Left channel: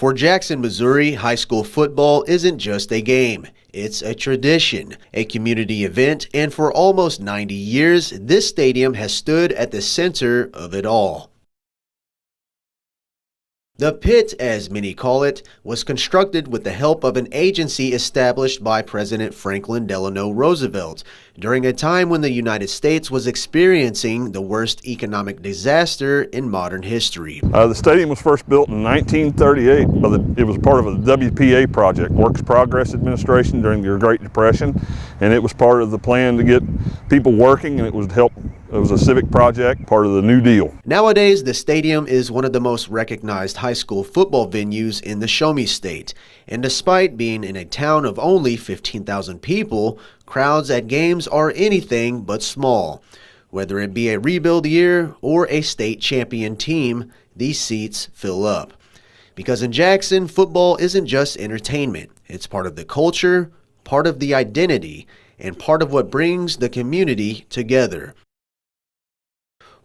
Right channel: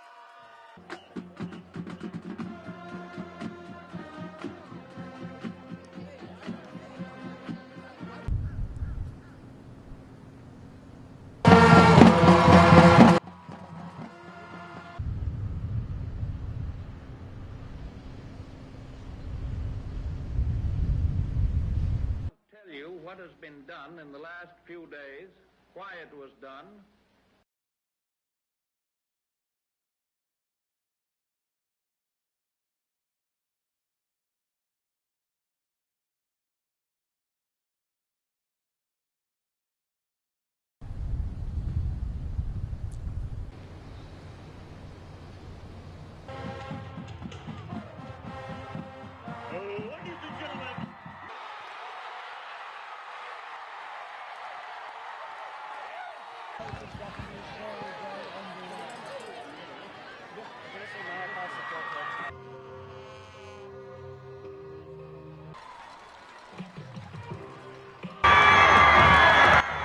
For Jackson, Missouri, high school football isn't just a game. It's a tradition, a community event, and for almost 90 years, this stadium has stood at the center of it all. The Pit, as many call it, was constructed with the help of an agency established by President Franklin Delano Roosevelt during a time when the United States was experiencing the worst economic disaster in modern history. The stadium was first built in 1938. It was part of a WPA project, Works Progress Administration, during the Great Depression, and it was part of the plan to get people working, and it was a civic project, part of the New Deal. Nowadays, the stadium is one of the most recognized high school football venues in the Show Me State. And despite being in a town of only 15,000 people, crowds at games are anything but small. Whether it be a rebuild year or a state champion team, these seats fill up. Because in Jackson, football isn't just entertainment. It's part of the culture, part of the identity, and part of what brings the community together.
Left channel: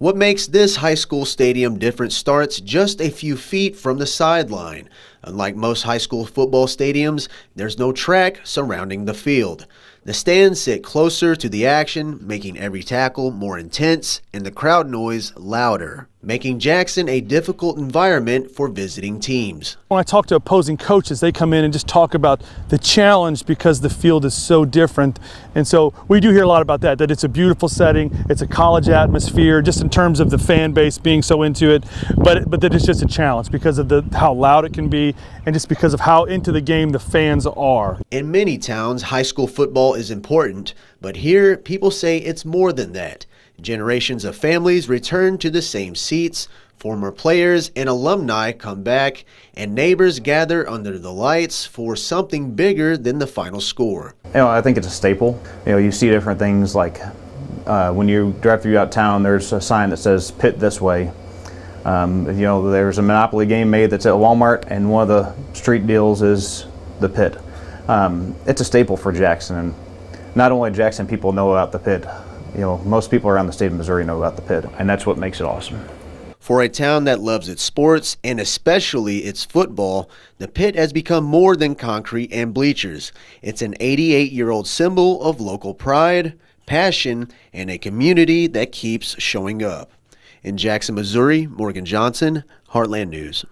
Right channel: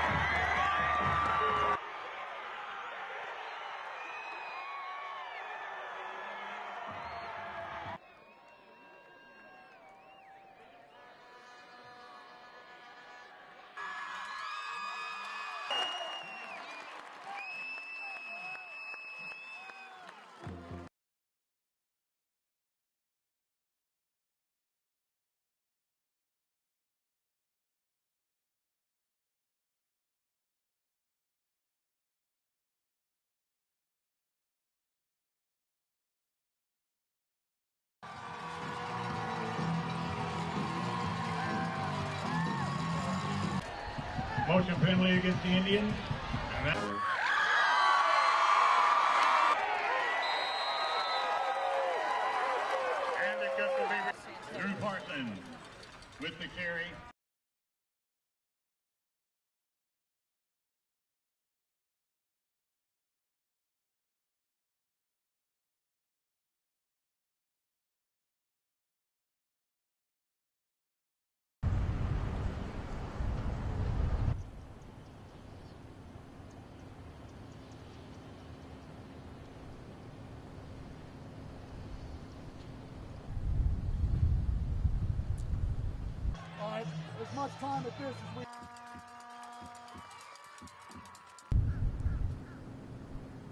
What makes this high school stadium different starts just a few feet from the sideline. Unlike most high school football stadiums, there's no track surrounding the field. The stands sit closer to the action, making every tackle more intense and the crowd noise louder, making Jackson a difficult environment for visiting teams. When I talk to opposing coaches, they come in and just talk about the challenge because the field is so different. And so we do hear a lot about that it's a beautiful setting, it's a college atmosphere, just in terms of the fan base being so into it, but that it's just a challenge because of how loud it can be and just because of how into the game the fans are. In many towns, high school football is important, but here people say it's more than that. Generations of families return to the same seats, former players and alumni come back, and neighbors gather under the lights for something bigger than the final score. I think it's a staple. You see different things like when you drive throughout town, there's a sign that says Pit this way. There's a Monopoly game made that's at Walmart, and one of the street deals is the Pit. It's a staple for Jackson, and not only Jackson people know about the Pit. Most people around the state of Missouri know about the Pit, and that's what makes it awesome. For a town that loves its sports, and especially its football, the Pit has become more than concrete and bleachers. It's an 88-year-old symbol of local pride, passion, and a community that keeps showing up. In Jackson, Missouri, Morgan Johnson, Heartland News.